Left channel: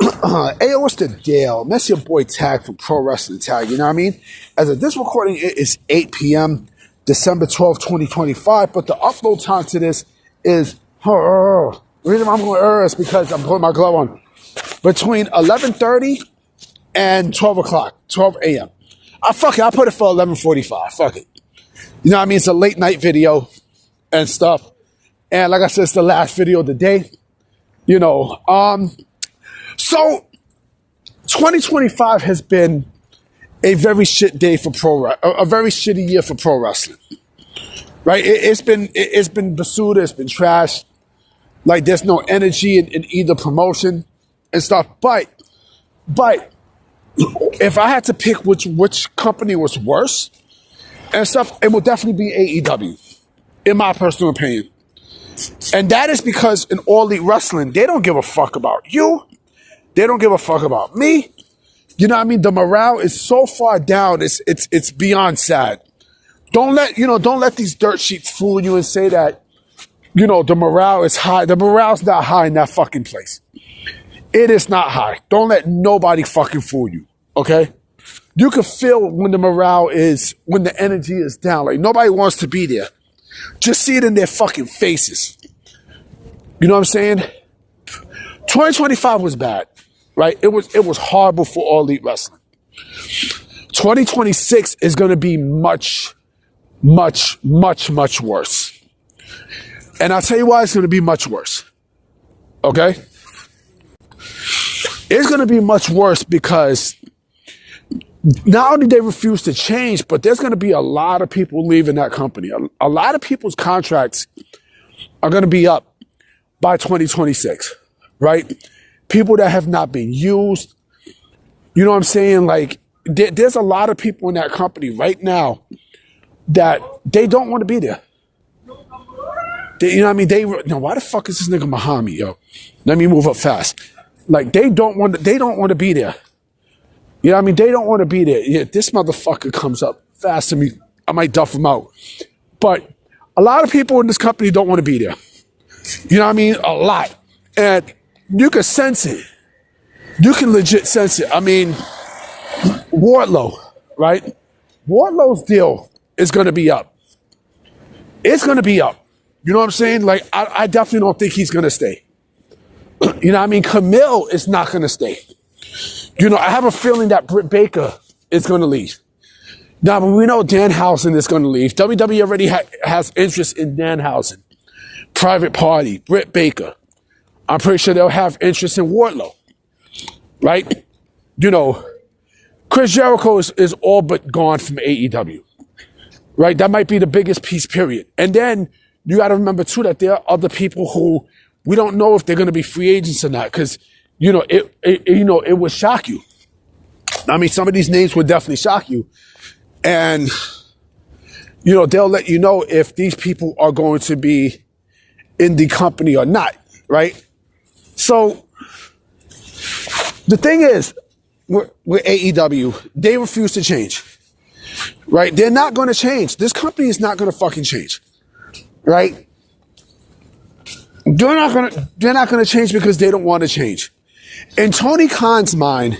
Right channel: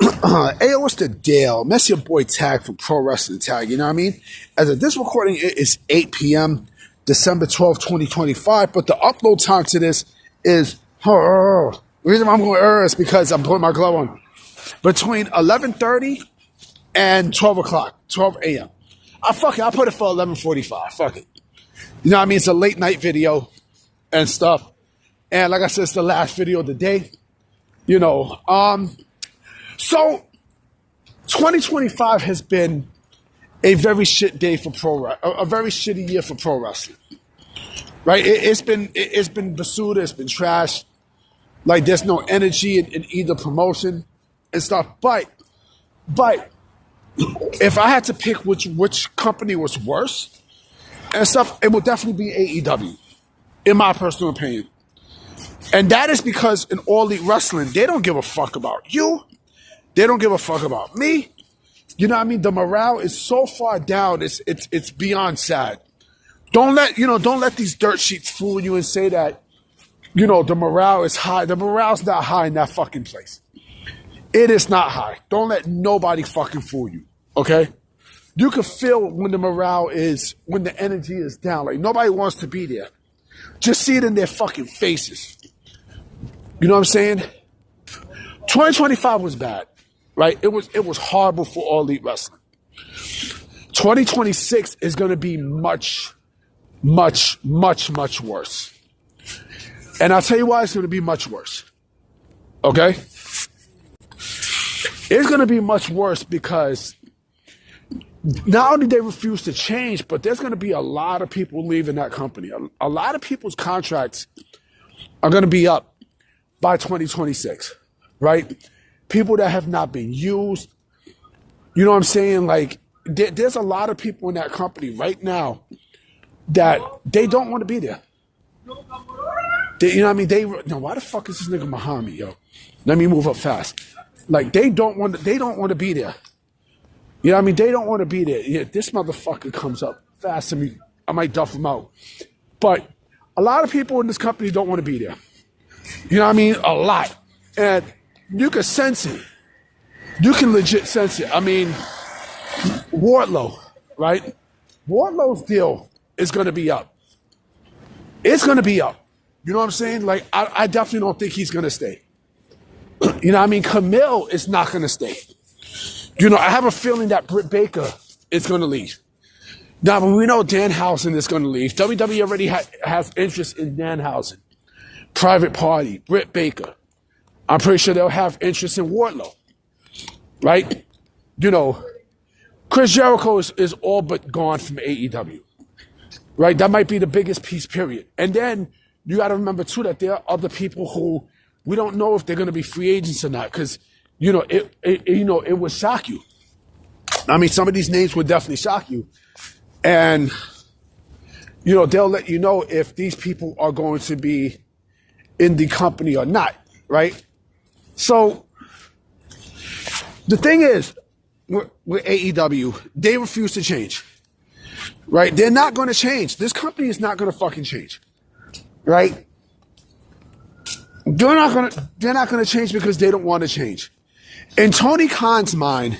Hey, what's the deal? That's your boy Tag from Pro Wrestling Tag, you know what I mean? As of this recording, it is 8 p.m., December 12th, 2025, but the upload time to this is, the reason why I'm going is because I'm putting my glove on, between 11:30 and 12 o'clock, 12 a.m. I'll put it for 11:45, fuck it. You know what I mean? It's a late night video and stuff, and like I said, it's the last video of the day, you know, So, 2025 has been a very shit day for a very shitty year for pro wrestling, right? It's been basura, it's been trash. Like there's no energy in either promotion and stuff. But if I had to pick which company was worse and stuff, it would definitely be AEW, in my personal opinion. And that is because in All Elite Wrestling, they don't give a fuck about you. They don't give a fuck about me. You know what I mean? The morale is so far down. It's beyond sad. Don't let these dirt sheets fool you and say that, the morale is high. The morale's not high in that fucking place. It is not high. Don't let nobody fucking fool you. Okay? You can feel when when the energy is down. Like nobody wants to be there. Just see it in their fucking faces. You know what I'm saying? 2025 was bad. Right? It was horrible for All Elite Wrestling. 2026 is going to be much, much, much, much worse. And I'll tell you why it's going to be much worse. Okay? It's going to be much worse because not only they refuse to change, but there's going to be a lot of people leaving that company. A lot of people's contracts are going to be up by 2026. Right? People that have not been used. You know what I'm saying? Like, there's a lot of people in that company right now that they don't want to be there. You know what I mean? Why the fuck is this nigga behind me, yo? Let me move up fast. Like, they don't want to be there. You know what I mean? They don't want to be there. Yeah, this motherfucker comes up fast to me. I might duff him out. But a lot of people in this company don't want to be there. You know what I mean? A lot. And you can sense it. You can legit sense it. I mean, Wardlow, right? Wardlow's deal is going to be up. It's going to be up. You know what I'm saying? Like, I definitely don't think he's going to stay. You know what I mean? Camille is not going to stay. I have a feeling that Britt Baker is going to leave. Now, we know Danhausen is going to leave. WWE already has interest in Danhausen. Private Party, Britt Baker. I'm pretty sure they'll have interest in Wardlow, right? Chris Jericho is all but gone from AEW, right? That might be the biggest piece, period. And then you got to remember, too, that there are other people who we don't know if they're going to be free agents or not because, it would shock you. I mean, some of these names would definitely shock you. And, they'll let you know if these people are going to be in the company or not, right? So, the thing is, with AEW, they refuse to change, right? They're not going to change. This company is not going to fucking change, right? They're not going to change because they don't want to change. In Tony Khan's mind,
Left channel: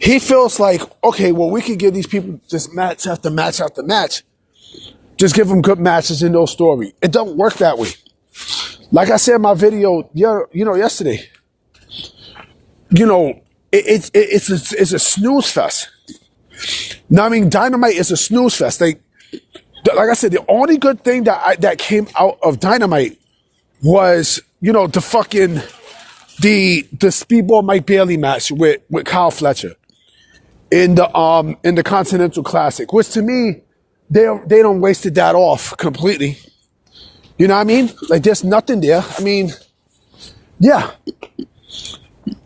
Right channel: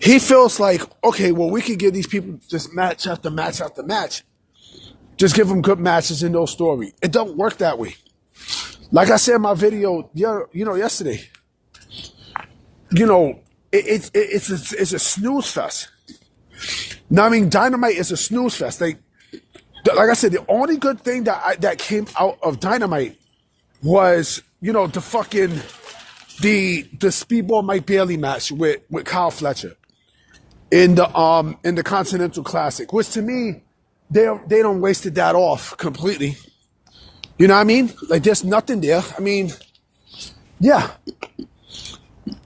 he feels like, okay, well, we can give these people this match after match after match. Just give them good matches and no story. It don't work that way. Like I said in my video, yesterday, it's a snooze fest. Now, I mean, Dynamite is a snooze fest. Like I said, the only good thing that came out of Dynamite was, the fucking the Speedball Mike Bailey match with Kyle Fletcher in the Continental Classic, which to me, they don't wasted that off completely. You know what I mean? Like, there's nothing there. I mean, yeah.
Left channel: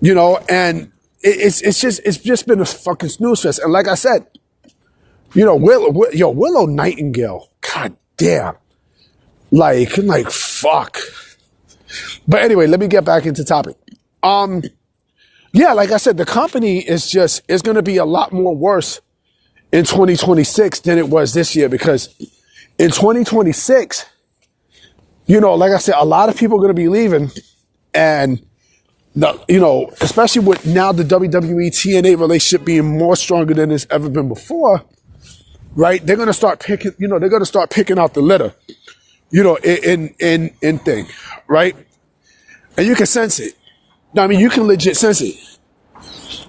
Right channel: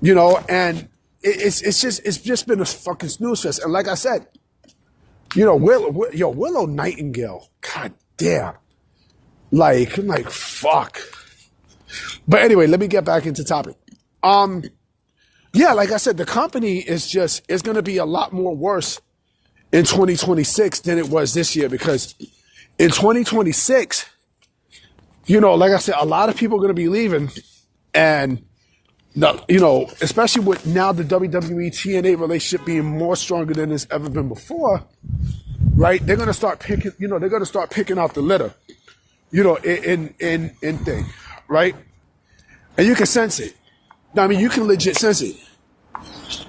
And it's just been a fucking snooze fest. And like I said, Willow Nightingale, god damn. Like, fuck. But anyway, let me get back into topic. Yeah, like I said, the company is going to be a lot more worse in 2026 than it was this year because in 2026, like I said, a lot of people are going to be leaving and Now, especially with now the WWE TNA relationship being more stronger than it's ever been before, right? They're gonna start picking, they're gonna start picking out the litter, in thing, right? And you can sense it. Now, you can legit sense it.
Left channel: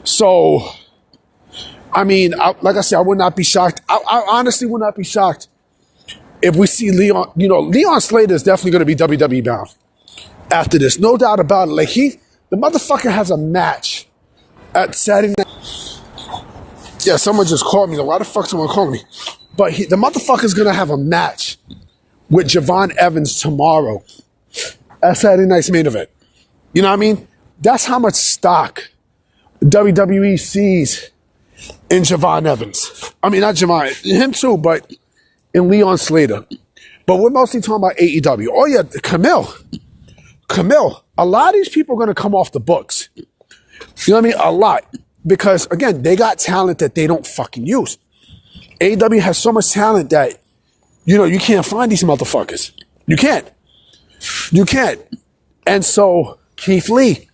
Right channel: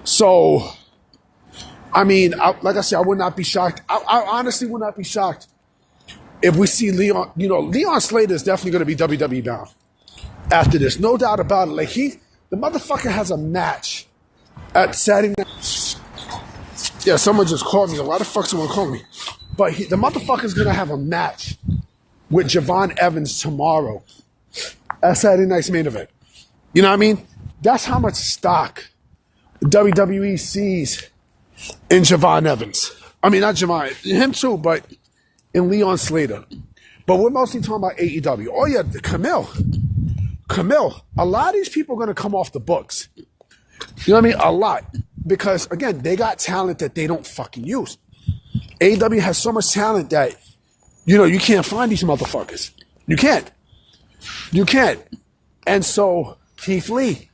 So, like I said, I would not be shocked. I honestly would not be shocked if we see Leon. Leon Slater is definitely going to be WWE bound after this, no doubt about it. Like the motherfucker has a match at Saturday night. Yeah, someone just called me. Why the fuck someone called me? But the motherfucker's going to have a match with Javon Evans tomorrow at Saturday night's main event. You know what I mean? That's how much stock WWE sees in Javon Evans. Not Javon, him too, but in Leon Slater. But we're mostly talking about AEW. Oh yeah, Camille. A lot of these people are going to come off the books. You know what I mean? A lot. Because again, they got talent that they don't fucking use. AEW has so much talent that, you can't find these motherfuckers. You can't. And so Keith Lee,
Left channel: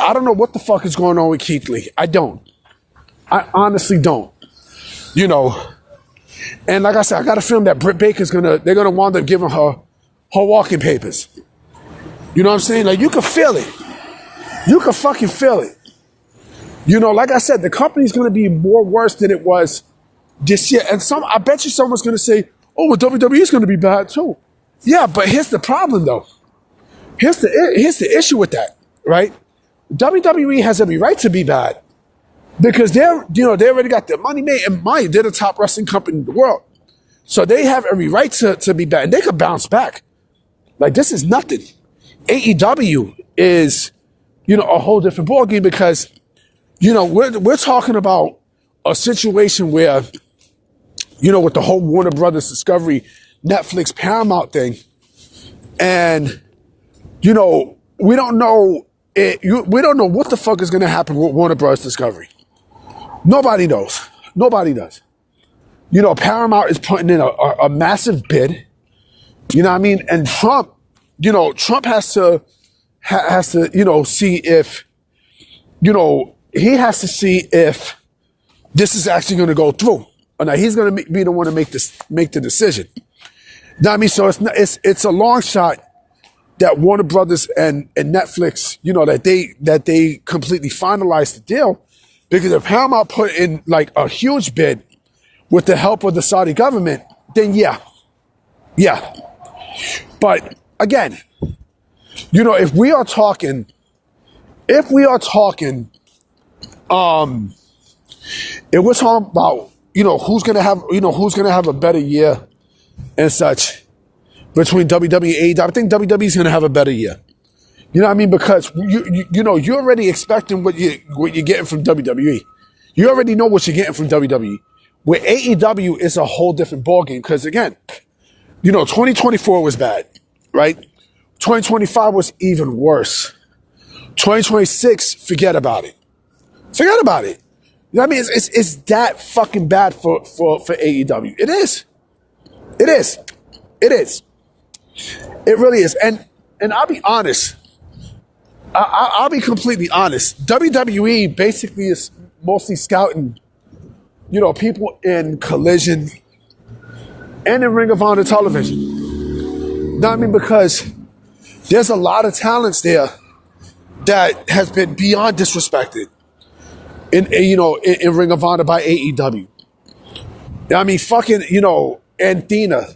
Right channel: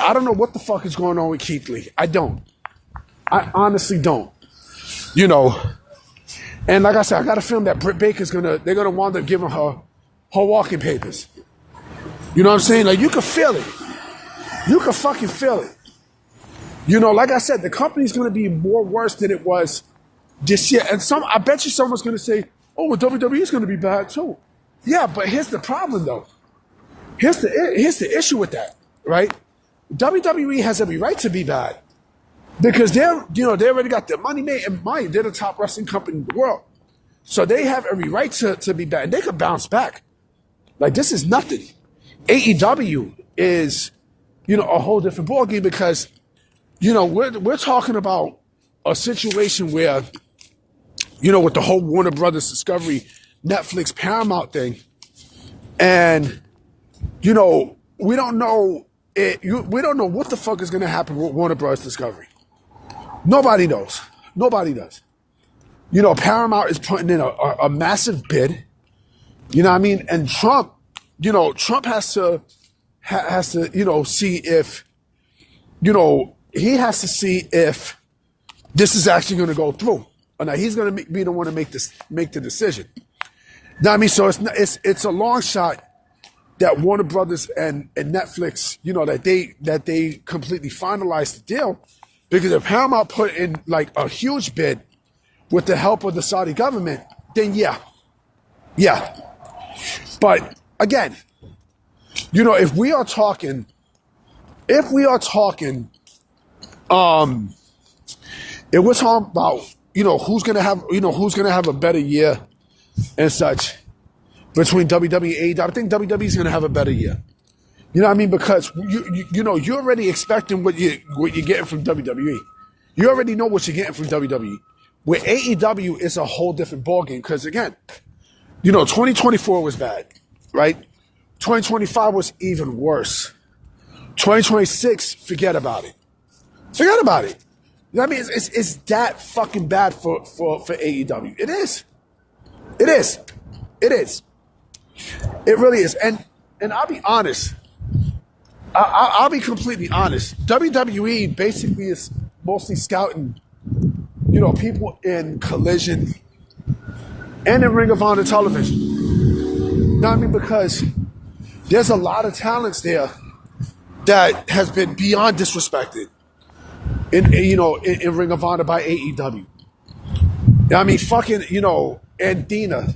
I don't know what the fuck is going on with Keith Lee. I don't. I honestly don't. And like I said, I got a feeling that Britt Baker's they're gonna wind up giving her walking papers. You know what I'm saying? Like, you can feel it. You can fucking feel it. Like I said, the company's gonna be more worse than it was this year. And I bet you someone's gonna say, oh, well, WWE's gonna be bad too. Yeah, but here's the problem though. Here's the issue with that, right? WWE has every right to be bad. Because they already got their money made, and they're the top wrestling company in the world. So they have every right to be bad, and they could bounce back. Like, this is nothing. AEW is, a whole different ballgame because, we're talking about a situation where, with the whole Warner Brothers Discovery, Netflix, Paramount thing, and, we don't know we don't know what the fuck is going to happen with Warner Brothers Discovery. Nobody knows. Nobody does. Paramount is putting in a massive bid. You know what I mean? And Trump has to see if, he has to see if this is actually going to go through. Or now he's going to be the one to make the decision. You know what I mean? So it's a long shot that Warner Brothers and Netflix, that they completely finalized the deal. Because if Paramount put in like a huge bid with the help of the Saudi government, then yeah. But again, if we're talking, if we're talking about, who's gonna have a better year and such between WWE and AEW, I think WWE's gonna have a better year. You know what I mean? Because you're already expecting what you're getting from WWE. You already know what you're getting from WWE. With AEW, it's a whole different ballgame. Because again, 2024 was bad, right? 2025 was even worse. 2026, forget about it. Forget about it. You know what I mean? It's that fucking bad for AEW. It is. It is. It is. It really is. And I'll be honest. I'll be completely honest. WWE basically is mostly scouting, people in Collision and in Ring of Honor television. You know what I mean? Because there's a lot of talents there that has been beyond disrespected in Ring of Honor by AEW. I mean, fucking, Anthena,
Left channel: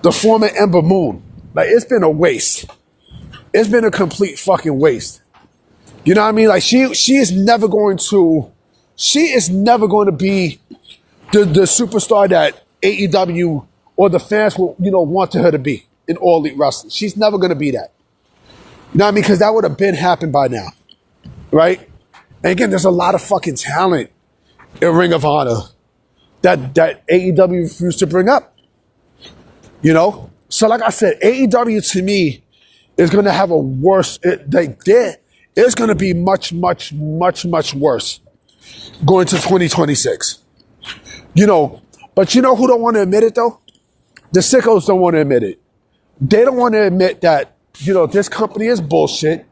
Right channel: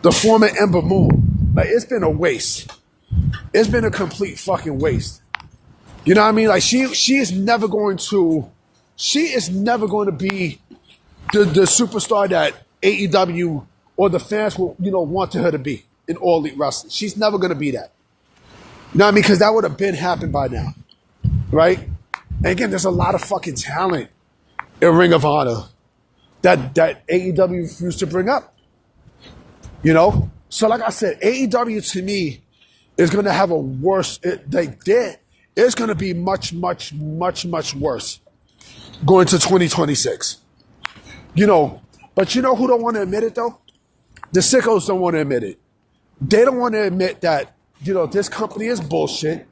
the former Ember Moon. Like, it's been a waste. It's been a complete fucking waste. You know what I mean? Like, she is never going to be the superstar that AEW or the fans will, wanted her to be in All Elite Wrestling. She's never going to be that. You know what I mean? Because that would have been happened by now. Right? And again, there's a lot of fucking talent in Ring of Honor that AEW refused to bring up. So like I said, AEW to me is going to have a worse, it's going to be much, much, much, much worse going to 2026. But who don't want to admit it though? The sickos don't want to admit it. They don't want to admit that, this company is bullshit.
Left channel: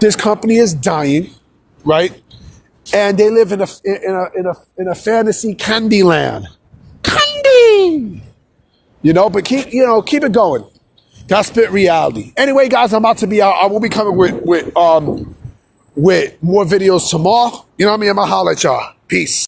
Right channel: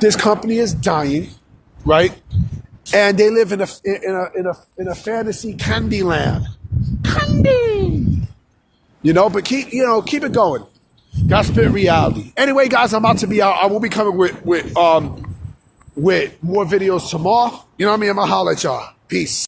this company is dying, right? And they live in a fantasy candy land. Candy! But keep it going. That's spit reality. Anyway, guys, I'm about to be out. I will be coming with more videos tomorrow. You know what I mean? I'm gonna holler at y'all. Peace.